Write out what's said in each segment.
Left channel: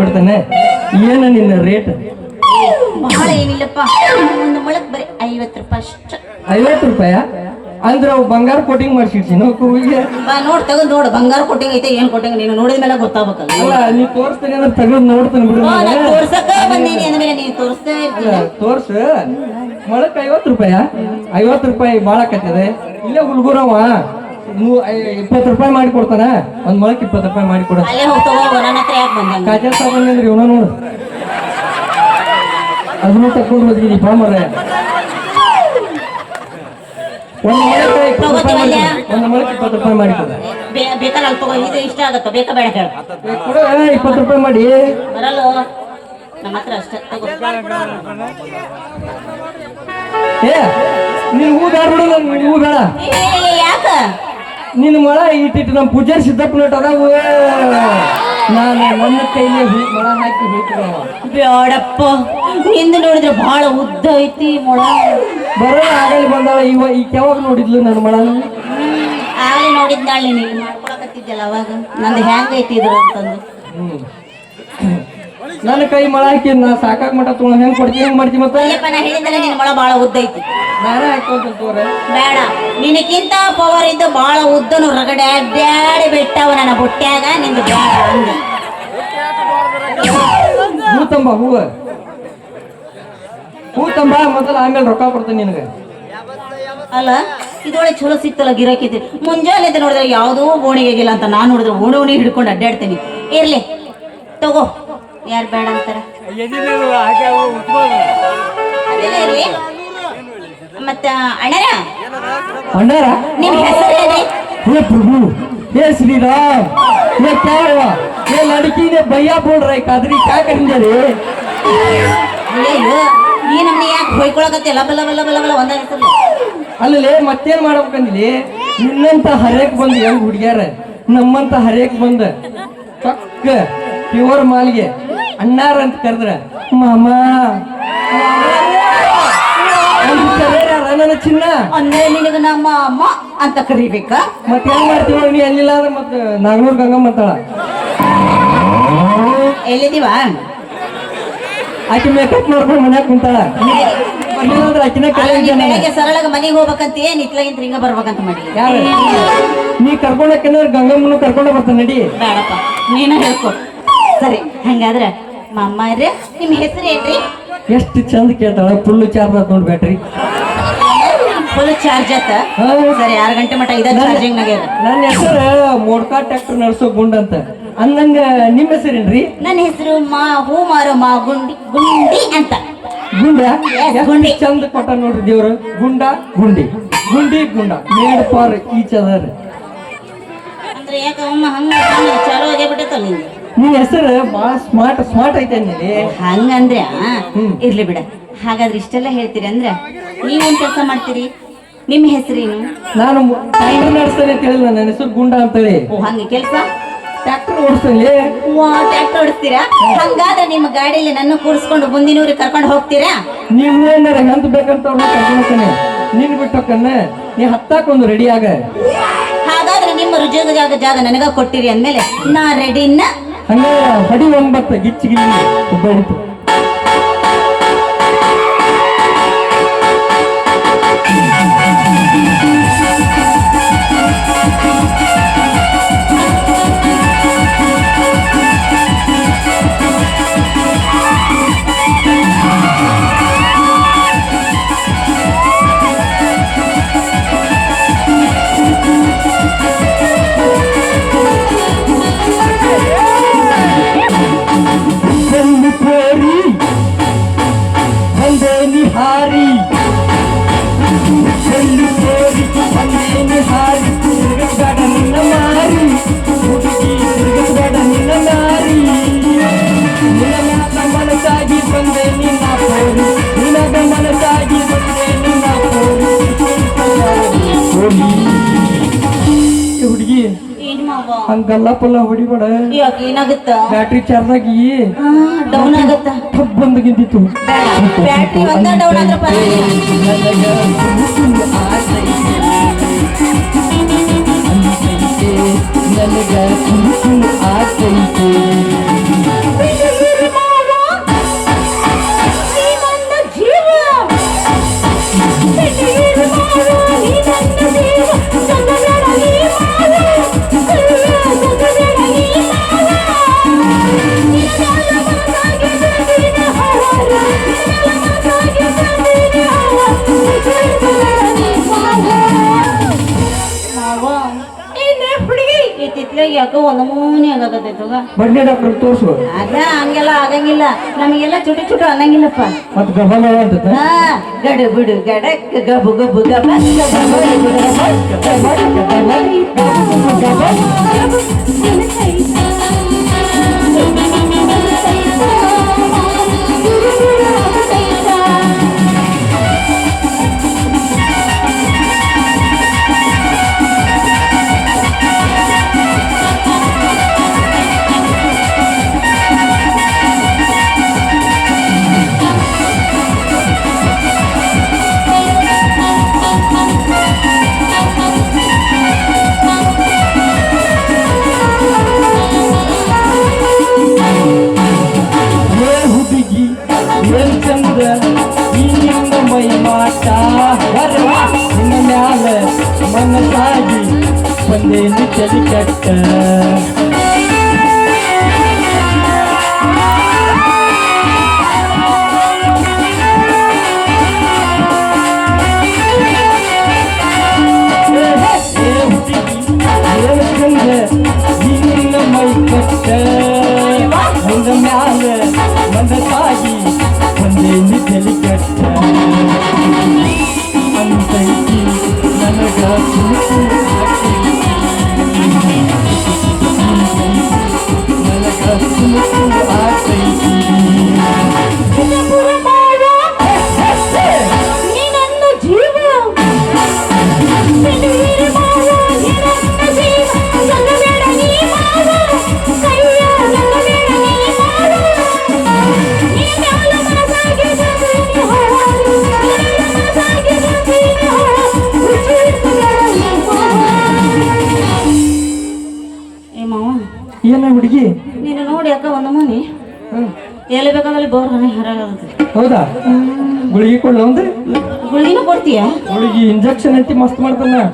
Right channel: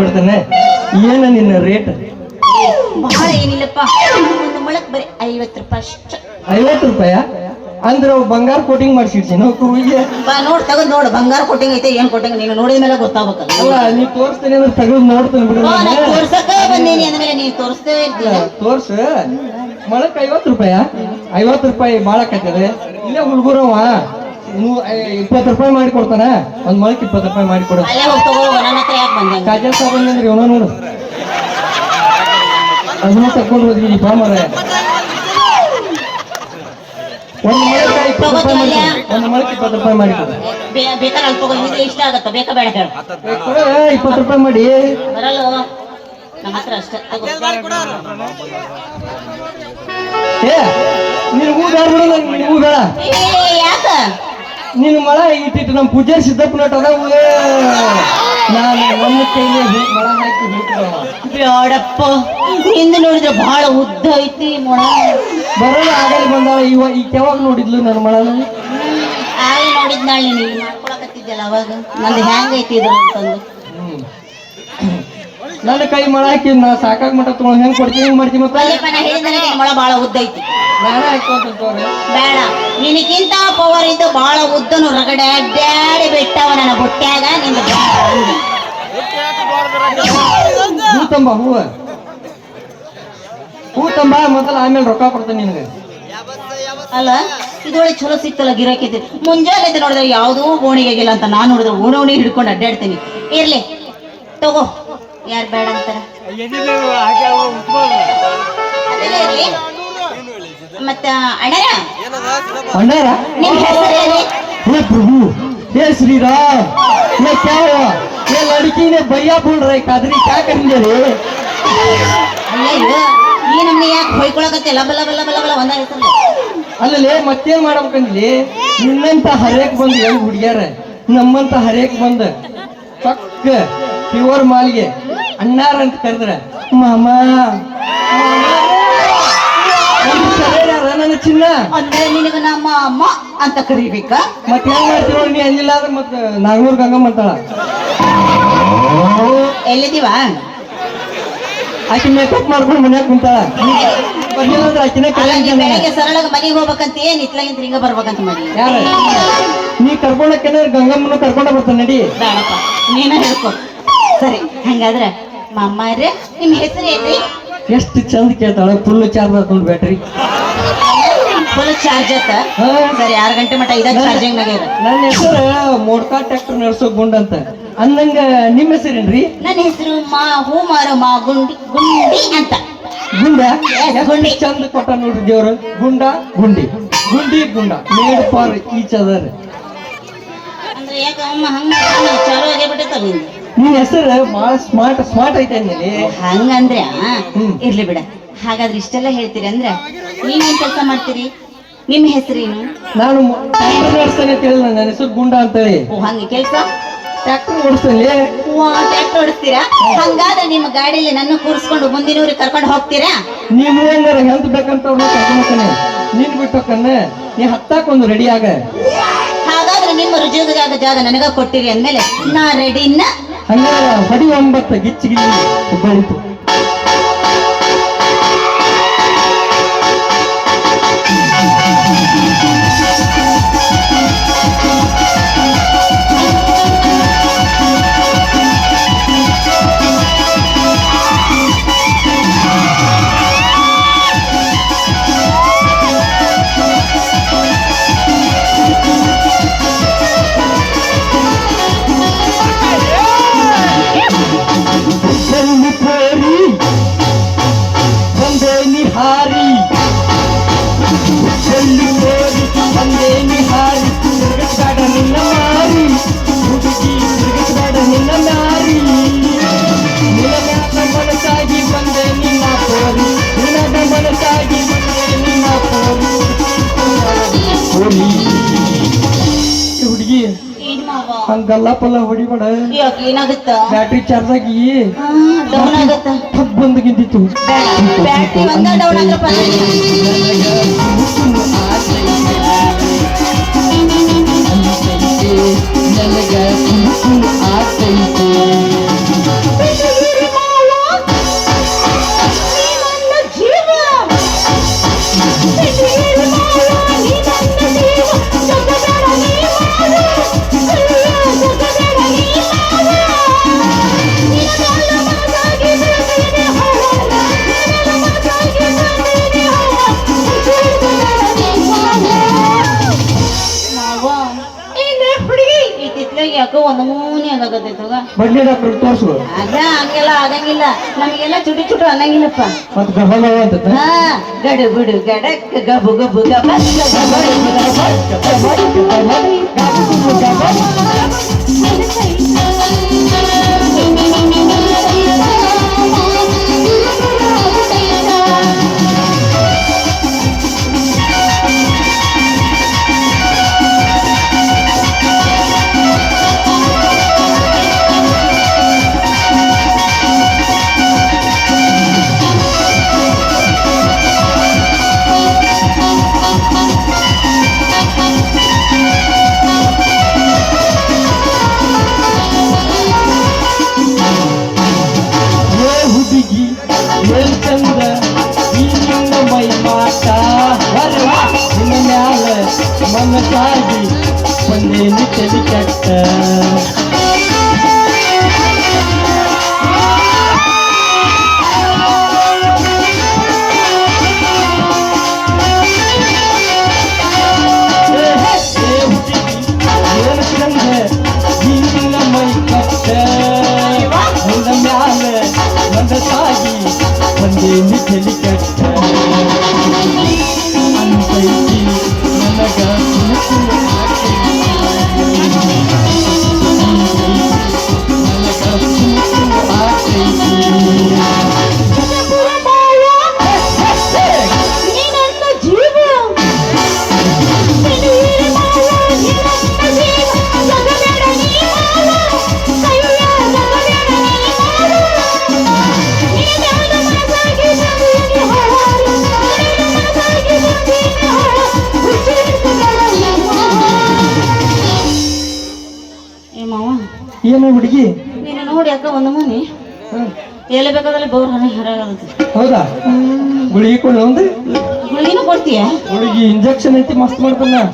ಬಿಡ್ತಾನೆ. ಏನು ನಿನ್ನ ರೇಟ್? ಬಹಳ ಏನಿಲ್ಲಪ್ಪ, ಒಂದು ಮೊಳಕ್ ಬರೀ 50 ರೂಪಾಯಿ ಅಷ್ಟು. 50 ರೂಪಾಯ ಅಂದ್ರೆ ಅವು ಬಂಗಾರ ಕೋಟಿಂಗ್ ಮಾಡಿಸಿಡ್ಸಿ ನಾವು ಕೂವಿಗೆ. ನೋಡ್ ತಗೊಂಡ್ ನೋಡು, ಬಂಗಾರ ಕೊಟ್ಟಿಂಗ್ ಐತೆ ಏನ್ ಕೊಟ್ಟಿಂಗ್ ನೀನು ನೋಡಿದ ಮೇಲೆ ಗೊತ್ತಾಗಬೇಕಲ್ಲ. ಅಲ್ಲ ನೀವು ತೋರಿಸ್ತೀನಿ ಅಂದ್ರೆ ತೆಗೆದು ನೋಡ್ತಾನೆ ಬಿಡು. ತೋರ್ಸಕ್ಕ ಬಂದೀನಿ ಅಂದ್ಮೇಲೆ ನೀನು ತೋರಿಸ್ತೇ ಇರ್ತೀಯ. ತೋರ್ಸ. ಮೊಳಕ್ 50 ರೂಪಾಯ? 50 ರೂಪಾಯಿ ಮಾಡಾಕತ್ತದೆ. ಇಲ್ಲೇ ಹುಡುಗರವ 20 ರೂಪಾಯಿ ಮಾಡಿ ಕೊಡ್ತಾನ. ಒಂದ್ ಮೊಳಕ್ 20 ರೂಪಾಯಿ ಮಾಡಿ ಕೊಡ. ಅಲ್ಲೇ ಹೋಗ್ತಗೋ, ನನ್ನ ಹತ್ರ ಯಾಕೆ ಬಂದಂಗ? ಕಾಜಾ ಸಾಬಂದ್ರಿ ಅವನ ನೋಡು, ಅದನ್ನ ತಕೊಂಡು ಹೋದ್ರಿ ಈ ಬಾಮರ. ಒಂದ್ ಮೊಳಕ್ 20 ರೂಪಾಯಿ ಮಾಡಿ ಕೊಡ. ಬೇಕಾದ್ರೆ ಅಲ್ಲಿ ತಗೋ, ಇದು ಇಷ್ಟ ಆಗತ್ತ, ಬೇಕಾ ಬೇಡ ಹೇಳ. 20 ರೂಪಾಯಿ ಮಾಡಿ. ಬರಲ್ಲ ನಮ್ಮ ಹತ್ರ ಅಷ್ಟೇ. ಏ ನೀನು ಹೂ ಬೇಡ ಬಿಡು, ನೀನು ಹೂ ಬೇಡ. ಯಾಕ ನಿನ್ನ ಮಳ ಇಟ್ಟಿಟ್ಟು ನಮ್ಮ ಪೂಜಾರಿ ಸಿದ್ದಪ್ಪ ನೋಟ್ ಅದಾವು. ನಾನು ನನ್ನ ಕೈಲಿ ಮಳ ಹಾಕಿ ಬ್ಯಾಡಪ್ಪ, ಹಿಂದೆ ನೋಡಿದ್ರೆ ಬಹಳ ಉದ್ದ ಐತಿ ಮೊಳ. ಬರೋದು ಆಗಲಿ ಬಂದಾಳ. ಈಗ ಯಾವಾಗ ನೋಡಿದ್ಲು ನನ್ನ ಮಳನ? ಆಗಲಿ ನೋಡಿದ್ನಾಳೆ, ನೀನು ಮಾಡ್ಕೊಳಕತ್ತಿದ್ದಲ್ಲ ಅವಾಗ. ನಂದು ಹ್ಯಾಂಗ ಐತಿ ಇದ್ರ ಅಂತಂದು ನನ್ನ ಕೈ ಮಳ ಹಾಕಿ ನಾ ಸಾಕಾಗ ಮಟ್ಟ ತೊಗೊಂಡು ಹೆಂಗ್ ಕೊಡ್ತೀನಿ, ಹೆಂಗ್ ಮಾಡ್ತೀನಿ ಮತ್ತೆ? ನಾ ಹೇಳಿದ್ರೆ ನಿನ್ನ ಮೊಳ ಬಹಳ ಉದ್ದ ಐತಿ. ನಾನೇ ಹಾಕಿ ಬೇಡ, ನಿನಕ್ಕಿಂತ ಪವರ್ ಇದ್ದು ಬಹಳ ಉದ್ದನು ರಗಡೆ ಬ್ಯಾಡೆ ಬಿಟ್ಟವ ನನ್ನ ಬುಟ್ಟ್ಯಾಗ. ನಿಂದು ಹೂ ತಂಬ, ಹೂ ತಂಬ ಮೊದಲ, ಆಮೇಲೆ ರೊಕ್ಕ ಕೊಡ್ತೀನಿ ನಿನಗೆ. ಅಲ್ಲ ಇದೊಳಗೆ ಚಲೋ ಸಿಕ್ತಲ್ಲ ಗಿರಾಕಿ. ಮುಂಜಾನೆ ನೋಡಿದ್ರೆ ಯಾವುದೋ ಗೋಣಿಗೆಗಿಲ್ಲ ಅಂತ ನಾನು ನೋಡಿದ್ರೆ ಓಣಿ ಹಿಡ್ಕೊಂಡು ಅಡ್ಡಾಡ್ತೀನಿ. ಇರ್ಲಿ ತಗೋ, ಯಾರು ಬೇಡ ಅಂತಾರ. ಅದೆಲ್ಲ ಇರ್ಲಿ. ಮತ್ತ ಅಣ್ಣರ ನಿಮ್ ಹೆಸರೇನೆ? हे प्रभु, हे श्री राम, ये क्या हुआ? ये लड़की ने भैया बोल रही कादरी, क्या करेंगे रे? ಈ ನಮ್ಗೆ ಯಾಕೆ ಹೊಯ್ಕೊಳಕತ್ತೆ? ಲಬ ಲಬ ಲಬ ಲಬ ಒಂದಾಗ ಹೆಸರು ಅಲ್ಲೇ ಮತ್ತೇನ್ ಮಾಡ್ಬೇಕಂದಿಲ್ಲಿ? ನಿನ್ನಂತ ಹರೇಕ್ ಬಂದು ಹೆಂಗ್ ಹುಡುಗ್ಯಾರ, ನಮ್ಮಂತ ಹರೇಕ್ ಬಂದ ಚಕ್ಕ ಪ್ಯೂರ್ ಮಾಲಿಗೆ ಅಣ್ಣಾರ ಅಂತ ಕರೆದ್ರ ಮಾಮ ನನ್ನ ಚಿನ್ನ ಅಂದ್ರೆ ನಿನಗ ನಮ್ಮ ಅಮ್ಮ ಅಂತ ಕರಿಬೇಕಾ? ಮತ್ತೆ ಹೆಂಗ್ ಮಾಡ್ತೀವ? ನೀ ಅಂದಿಲ್ಲ ಅಂದ್ರೆ ಮತ್ತೆ ನಾಗನೂರ್ ಗಂಗಮ್ಮ ಅಂತಾಳ. ಎಲ್ಲಿದೀವ? ಆಕಿ ಮೇಕಪ್ ಮಾಡ್ಕೊಂಡು ಮನ್ಯಾಗ ಕುಂತಾಳ. ಆಕಿನ ಬೆಳಗ್ಗೆ ಸರಳಾಗ ಮನೆಗೆ ಹೋಗ್ಬೇಕಂತ ಏನ್ ಇತ್ಲಾಗಿಂತ ಹಿಂಗ ಬರ್ಬೇಕಂತ ಮಾಡಿ. ಯಾರ ನೀ ಕರ್ಕೊಂಡಕ್ಕೆಲ್ಲ ಗಂಗಮ್ಮನ ಕರ್ಕೊಂಡ ಬರ್ತಾನ ನಡಿ. ಬೇಡಪ್ಪ, ನೀನು ಹೇಳ್ಕೊ. ಸರಿ, ಹಂಗಾದ್ರೆ ಮಮ್ಮಾರೆ ನಿಮ್ ಹೆಸರು ಏನ್ರಿ? ಎಷ್ಟು ಚಂದ ಕೇಳ್ತಾಳ. ಫುಲ್ ಚಾರ್ಜ್ ಹಾಕೊಂಡ್ ಬ್ಯಾಟ್ರಿ. ಫುಲ್ ಚಾರ್ಜ್ ಆತ? ಸರಿ, 6 ಗಂಟೆ ಮಟ್ಟ ಇದ ಚಾರ್ಜಿಂಗ್ ನಾಗ. ನನ್ನ ಹೆಸರು ಮೋಡ್ಕಾ ಟ್ರ್ಯಾಕ್ಟರ್ ನಡೆಸೋ ಗುಂಡ ಅಂತ. ಅಂದಂಗ ನಿಮ್ಮ ಹೆಸರೇನ್ರಿ? ನನ್ನ ಹೆಸರು ಹೂ ಮಾರೋ ಗುಂಡಿ ಅಂತ. ಗುಂಡ ಗುಂಡಿ ಚಂದ ಕೊಟ್ಟ ನೋಡ್ರಿ ದೇವ್ರು. ಗುಂಡ ಗುಂಡಿ ಗುಂಡಿ ಗುಂಡ ಮೇಡ್ ಪಾರ್ ಈಚ್ ಅದರ್. ಅಂದ್ರೆ ಯಾಕಮ್ಮ ಹಂಗ ಚಾಲು ಆಗೇ ಬಿಟ್ಟೈತಲ್ಲ ನಿಂದು. ನಿನ್ನ ಹೆಸರು ಬಹಳ ಸ್ಮಾರ್ಟ್ ಐತೆ ಅಂದ್ಮೇಲೆ ಹಂಗಂದ್ರೆ ಇರ್ಲಿ ಬಿಡ. ಹಾಗಾದ್ರೆ ಇಷ್ಟೆಲ್ಲ ಹೇಳ್ತೀರಿ ಅಂದ್ರೆ ನೀವೇನ್ ಕೆಲಸ ಮಾಡ್ತೀರಿ? ನಿಮ್ಮ ಹೆಸರೇನು? ನಾನು ಟ್ರ್ಯಾಕ್ಟರ್ ನಡೆಸ್ತಾನೆ ಅಂತ ಹೇಳಿಲ್ಲ, ನನ್ನ ಹೆಸರು ಗುಂಡ ಅಂತೇಳಿ. ಓ ಹಂಗೆ ಕೆಲಸ ಟ್ರ್ಯಾಕ್ಟರ್ ಓಡಿಸ್ತಾನೆ. ಟ್ರ್ಯಾಕ್ಟರ್ ಓಡಿಸ್ತೀರಾ? ಹಂಗಾದ್ರೆ ನಿಮ್ಮ ಗಾಡಿಯಲ್ಲಿ ನನ್ನ ಕೂರಿಸ್ಕೊಂಡು ಮುಂದಿನವ್ರಿಗೆ ಕರ್ಕೊಂಡು ಹೋಗ್ತೀರಾ? ನೀವು ಏನಾರ ಹೆಂಗ್ ಬೇಕಂತ ಕರ್ಕೊಂಡ್ತಾನೆ. ನೀನ್ ಬಿಟ್ಟಕ್ಕನ್ನ ನೀ ಹತ್ತಾಕೊಂದು ರೆಡಿ ಆಗ. ಹಾಗಾದ್ರೆ ನಿಮ್ಮ ರುಜೋಗ ಜಾಗ ನನಗ ಕೊಟ್ಟಿರಿ ಅಂದ್ಮೇಲೆ ನಾ ರೆಡಿನ. ಹಂಗ ಹೊಡಿ 9 ಗಿಚ್ಚಿಗಿಲ್ಲಿ ಒಬ್ಬಳಿತು. ಹುಡುಗಿ ಹಂಗಲ್ಲ ಪಲ್ಲ ಹೊಡಿಬೇಡ. ಏನಾಗುತ್ತ? ಬ್ಯಾಟ್ರಿ ಚಾರ್ಜ್ ಆಗಿ ಬಂದು ಗಿಂದಿತ್ತು. ನನಗ ಬಡ್ಡಿ ಡಾಕ್ಟರ್ ತೋರ್ಸು. ಅದ ಹಂಗೆಲ್ಲ ಆಗಂಗಿಲ್ಲ, ನಮಗೆಲ್ಲ ಚುಟು ಚುಟು ಅನ್ನಂಗಿಲ್ಲಪ್ಪ. ಮತ್ ಗಹನ ಅಂತ ಹಾ, ಗಡು ಬಿಡು ಗಡಕ್ ಗಬು ಗಬು ಗಬ ಹುಡುಗಿ ಏನ್ ಚಂದ ಈ ನಿನ್ನ ಮೈ ಮಾಟ ನಿನ್ನ ಮ್ಯಾಲ ಮನಸಾಗಿ ಬಂದೇನು ಚಲಿ ಕಟ್ಟ. ಏನ್ ಚಂದ ಈ ನಿನ್ನ ಮೈ ಕಟ್ಟ ನಿನ್ನ ಮ್ಯಾಲ ಮನಸಾಗಿ ಬಂದೇನು ಚಲಿ ಕಟ್ಟ. ಅಂತೈತಿ ನನಗ ತುಳುಕು ನನಗ ತುಳುಕು ಆಗ್ತೈತಿ. ಏನು ಹುಡುಗಿ ನೀನು ನೋಡಿ ಅಕ್ಕ ಒಂದು ಮನೆ ಎಲ್ಲಿ ಬೇಕಾದ್ರೆ ಬೋರ್ ಹರಾಗುತ್ತೆ. ಹೌದಾ? ಗುಳಿಗೆ ಕೊಡು ಅಂದ್ರೆ ಗುಳಿಗಿನ ಕೊಡ್ತೀಯ? ಗುಳಿಗೆ ಇಂಜೆಕ್ಷನ್ ಐತಿ ಮಸ್ತ್ ಮಾಡ್ತಾನ.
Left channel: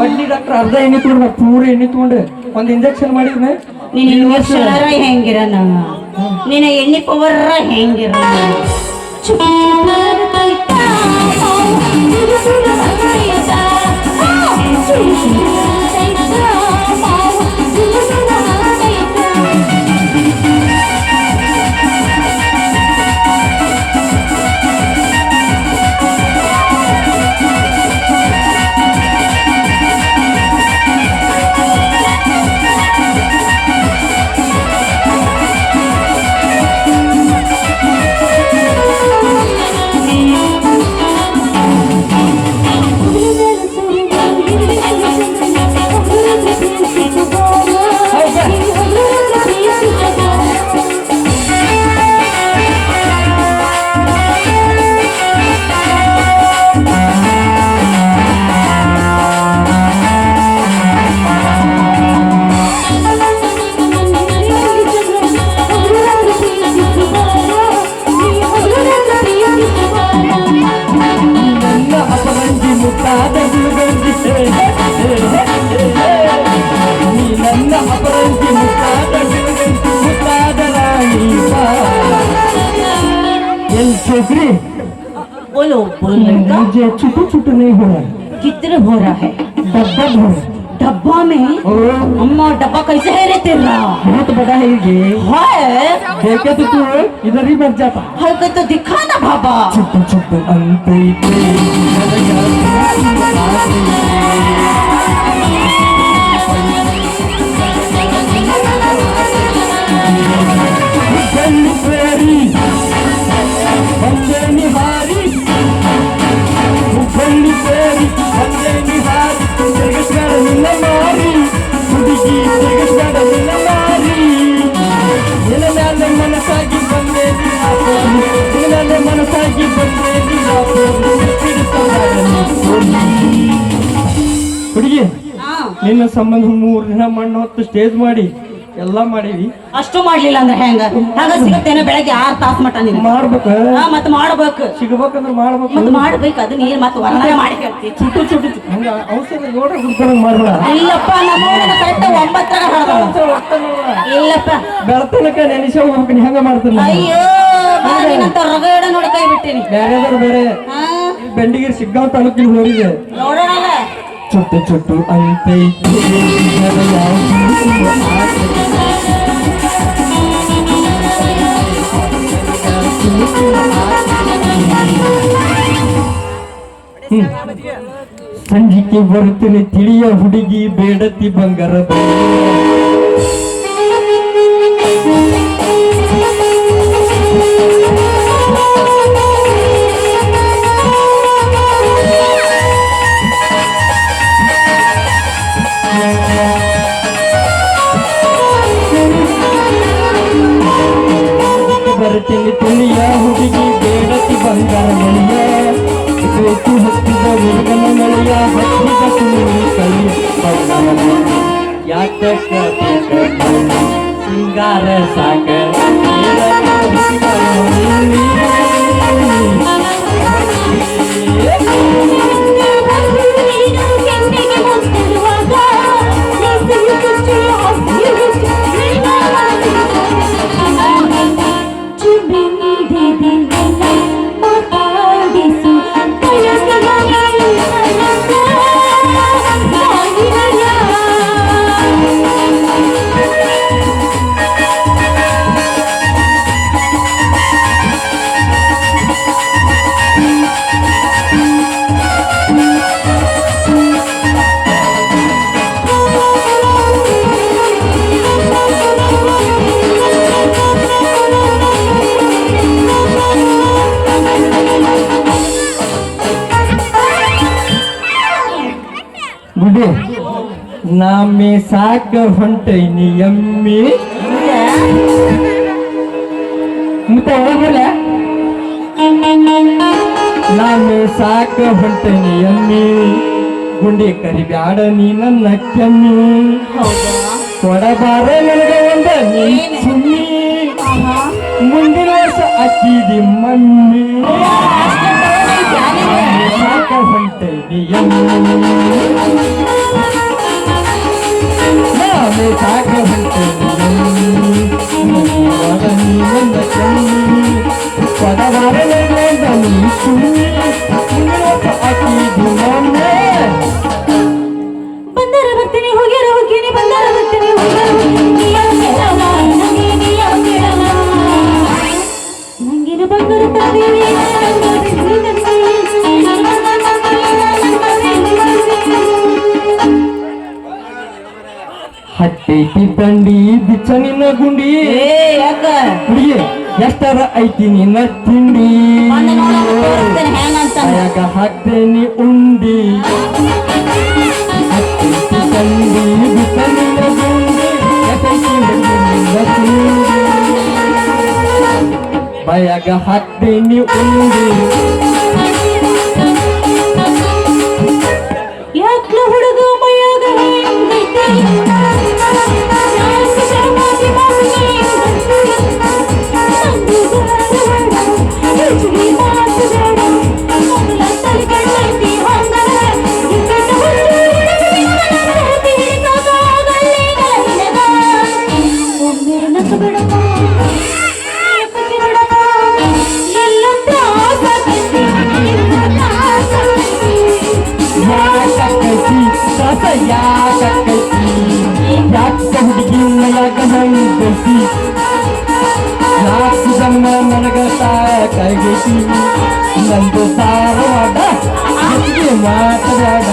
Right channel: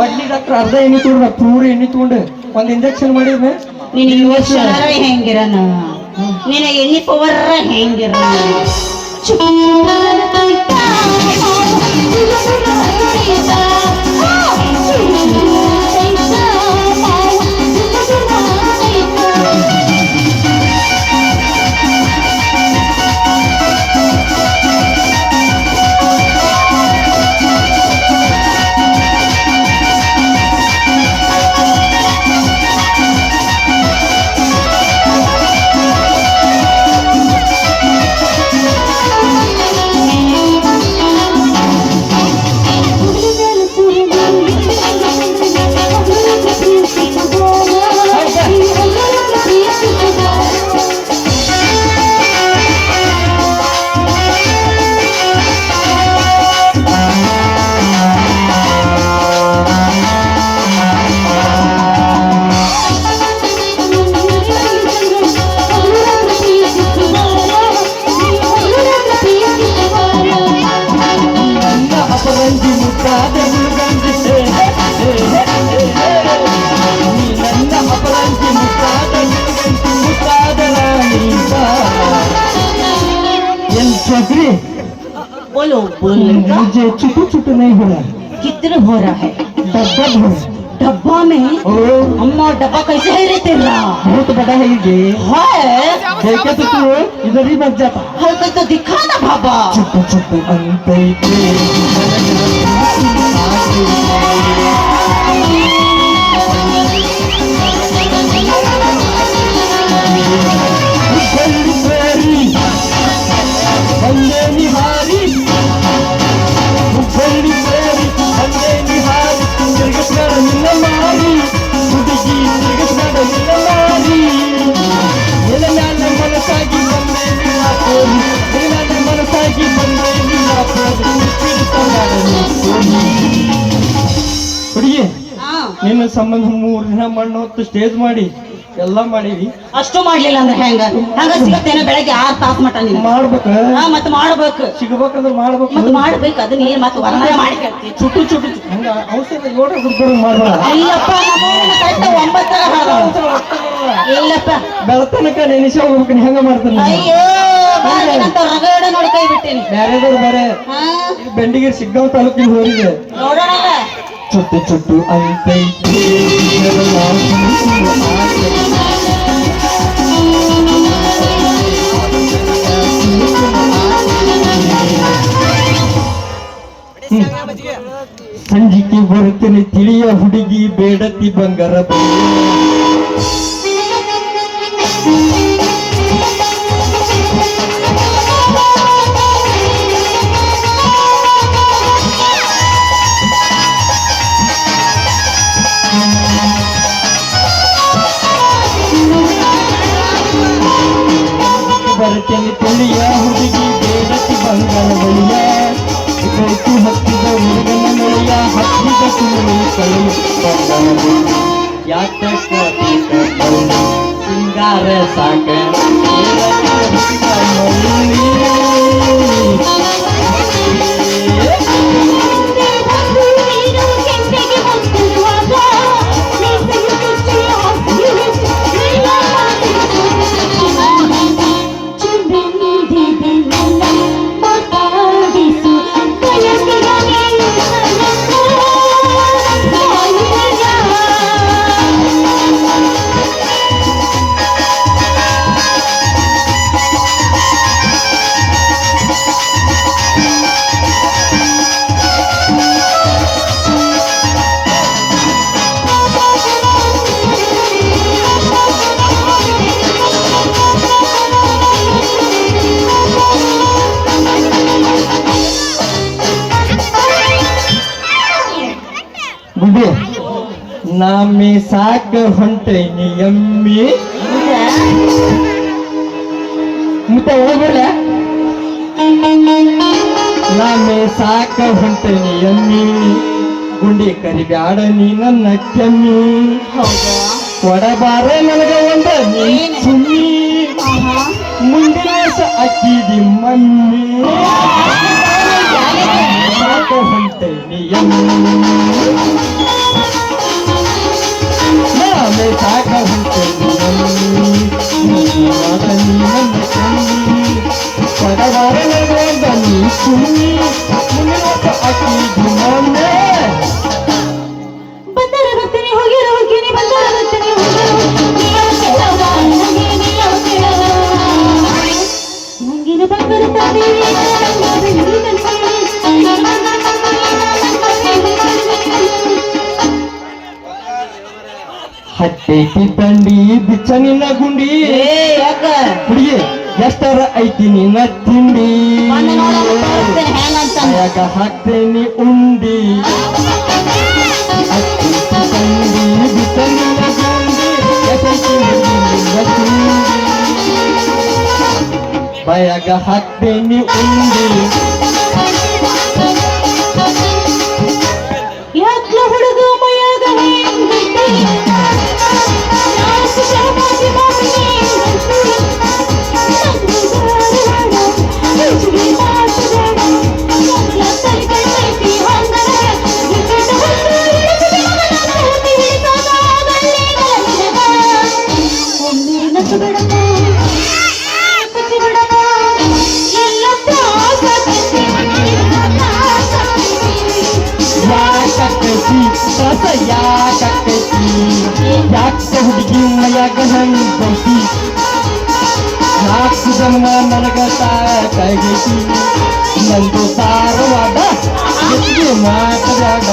ಬಡ್ಡಿ ಡಾಕ್ಟರ್ ಅರ್ಧ ಎಣ್ಣೆ ತಗೊಂಡು 3 ಎಣ್ಣೆ ತಗೊಂಡು ಒಂದ್ ಇಂಜೆಕ್ಷನ್ ಮಾಡಿದ್ನ. ನೀನು ಇಂಜೆಕ್ಷನ್ ಹೆಂಗಿರನ, ನಿನ್ನ ಎಣ್ಣೆ ಪವರ್ ಹೆಂಗಿರ. चौकरी बोलो मुझे छुट्टी छुट्टी नहीं हो रहा. कितने हो रहा है? डब्बा भर. डब्बा में अम्मा डब्बा कैसे है रे तेरा? बहुत बड़ा है ये. है देखे तो तू इधर ही बच जाता. हमें तो दिखा ना बाबा. छुट्टी छुट्टी अंते ಹುಡುಗಿ ನಿನ್ನ ಸಂಬಂಧ 3 ದಿನ ಮಣ್ಣು ಹೊತ್ತು ಸ್ಟೇಜ್ ಮಾಡಿ ಎಲ್ಲ ಮಾಡೀವಿ. ಅಷ್ಟು ಮಾಡ್ಲಿಲ್ಲ ಅಂದ್ರೆ ಹೆಂಗ ಹಂಗ ಸಿಗತ್ತೇನೆ? ಬೆಳಗ್ಗೆ 6 ತಾಸು ಮಟ ನೀನು ಮಾಡ್ಬೇಕು. ಮತ್ತೆ ಮಾಡ್ಬೇಕು, ಸಿಗ್ಬೇಕಂದ್ರೆ ಮಾಡ್ಬೇಕು. ಮತ್ತೆ ಮಾಡ್ಬೇಕು. ಅದು ನೀರ್ ಮತ್ತೆ ಒಂದನೇ ಮಾಡಿ ಕೇಳ್ತೀವಿ. ಚುಟ್ಟು ಚುಟ್ಟು ಹಂಗ ಔಷಧ 7 ಗುಡ್ಬರ ಮಾಡ್ರ. ಇಲ್ಲಪ್ಪ ಕರೆಕ್ಟ್ 9 ಇಲ್ಲಪ್ಪ ಬೆಳತನಕ ನೆನೆಸಿ ಹೋಗ್ಬೇಕು. ಹೆಂಗ ಮಾಡ್ತಾನೆ? ಅಯ್ಯೋ ನಾನಂತ ರಗಡ ನೋಡಿ ಕೈ ಬಿಟ್ಟೇನಿ. ಬೇರೆದವ್ರು ಬೇರೆ ಬೆಂಡಿಗಿರಿ ಸಿಗ್ಗಾಂವ್ ತಾಲೂಕಿಗೆ ಹೋಗಿದೆ. ನೋಡೋಣ ಚುಟ್ಟು ಚುಟ್ಟು ಅಂತೈತಿ ಸಂಜಿಕೆ ಬರುತ್ತೇನೆ ತಿಳಿಯ ಹುಡುಗಿ ಬೇಡತಿ ಬಂಗಾರ ಬರುತ್ತೇನೆ ತಿಳಿಯ ಹುಡುಗಿ ಬೇಡತಿ ಬಂಗಾರ ಬಳಿಯ ಕೈತಿ ಹತ್ತಿದ ಹುಡುಗನ ಮಳೆಯ ಹತ್ತಿದ ಸುಮ್ಮನೆ ಕಳು ಯಾಕ ಸಿಂಗಾರ ಸಾಕ ಗುಡಿ ನಾಮೆ ಸಾಕ ಹೊಂಟೈನಿ ಎಮ್ಮಿ ಮತ್ತೆ ಹೋಗಲ್ಲ ನಾಮೆ ಸಾಕ ಹೊಂಟೈನಿ ಎಮ್ಮಿ ಗುಂಡಿ ಕರಿಬ್ಯಾಡ ನೀ ನನ್ನ ಕೆಮ್ಮಿ ಕೊಡಬಾರ ನನಗ ಒಂದ ಸುಮ್ಮಿ ಮುಂದಿನ ವರ್ಷ ಅಕ್ಕಿದಿ ಮಮ್ಮಿ ಸಾಕ ಹೊಂಟೈನಿ ಎಮ್ಮಿ ನಾಮೆ ಸಾಕ ಹೊಂಟೈನಿ ಕೊಡಬಾರ ನನಗ ಒಂದ ಸುಮ್ಮಿ ಮುಂದಿನ ವರ್ಷ ಅಕ್ಕಿದಿ ಮಮ್ಮಿ ಬಂದರ ಬರ್ತೀನಿ ಹೋಗ್ಯಾರ ಹೋಗ್ತೀನಿ ಬಂದರ ಬರ್ತೀನಿ ನಂಗಿನ ಬಂದಿರುತ್ತದೆ ಹಟ್ಟೈತಿ ತಂಡಿ ಬಿಚ್ಚನಿನ ಗುಂಡಿ ಯಾಕ ಹುಡುಗಿ ಎಷ್ಟರ ಐತಿ ನಿನ್ನ ತಿಂಡಿ ಹೆಂಗಂತ ಯಾಕ ಹಾಕ್ತೇನಿ ಉಂಡಿ ಹಟ್ಟೈತಿ ತಂಡಿ ಬಿಚ್ಚನಿನ ಗುಂಡಿ ಎಷ್ಟೈತಿ ನಿನ್ನ ತಿಂಡಿ ಬಯಾಗ ಹಾಕ್ತೇನಿ ಉಂಡಿ ಯಾಕ್ಲ ಹುಡುಗ ಮೈಯಾಗ ಯಾಕೈತಿ ಸಸ ಯಾಕೈತಿ ಯಾಕ ಹುಡುಗಿ ಮೈಯಾಗ ಹಂಗೈತಿ ನಾಲ್ಕು ಜನ್ಮ ನನಗ ಸಾಕಾಗೈತಿ ನಂದು ಸಾರವಾದ ಮಾತು ಬ್ಯಾಡ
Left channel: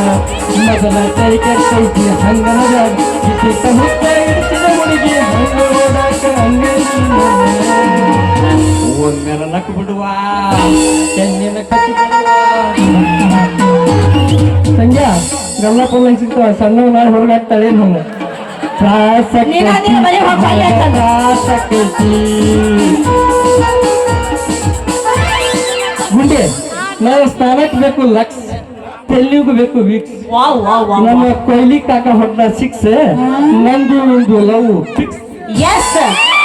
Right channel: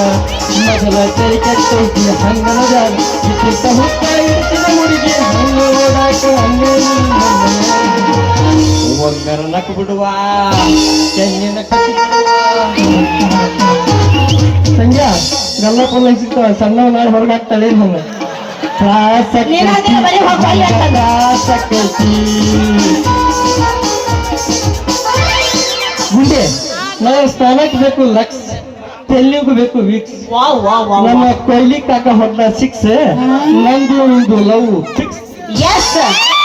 ಮೊದಲ ಕೈ ಕಟ್ಟೈತಿ ಹಂಗನ ಬ್ಯಾಡ ಇಟ್ಟಿಟ್ಟ ಹುಟ್ಟ ಇರ್ತಿದ ಹುಡುಗಿ ಹಂಗ ಮಾಡಾಕ ಒಮ್ಮೆ ನಕ್ ಬಿಡುವ ತೆಂಗಿನ ಕಟ್ಟಿ ಸಂಜೆ ಗಲ್ಲಪ್ಪ ಸಿಗ್ತಾವ ಸಣ್ಣ ಮಾಡಿ ಹೊರಗಾಗ್ತಾಳೆ ನನ್ನ ಗುಂಡೆ ನಾವು ಸ್ನಾನಕ್ಕೆ ಬೇಕು ಲಕ್ಸ್ ತೆಲ್ಲಿಗೂ ಬೇಕು ವಿಕ್ಸ್ ನಮ್ಮ ಕೊಹ್ಲಿ ಕಾಕ ಹೊಡೆದ 6 ನಂದು ಲವ್ ಫಿಕ್ಸ್ Yes, sir.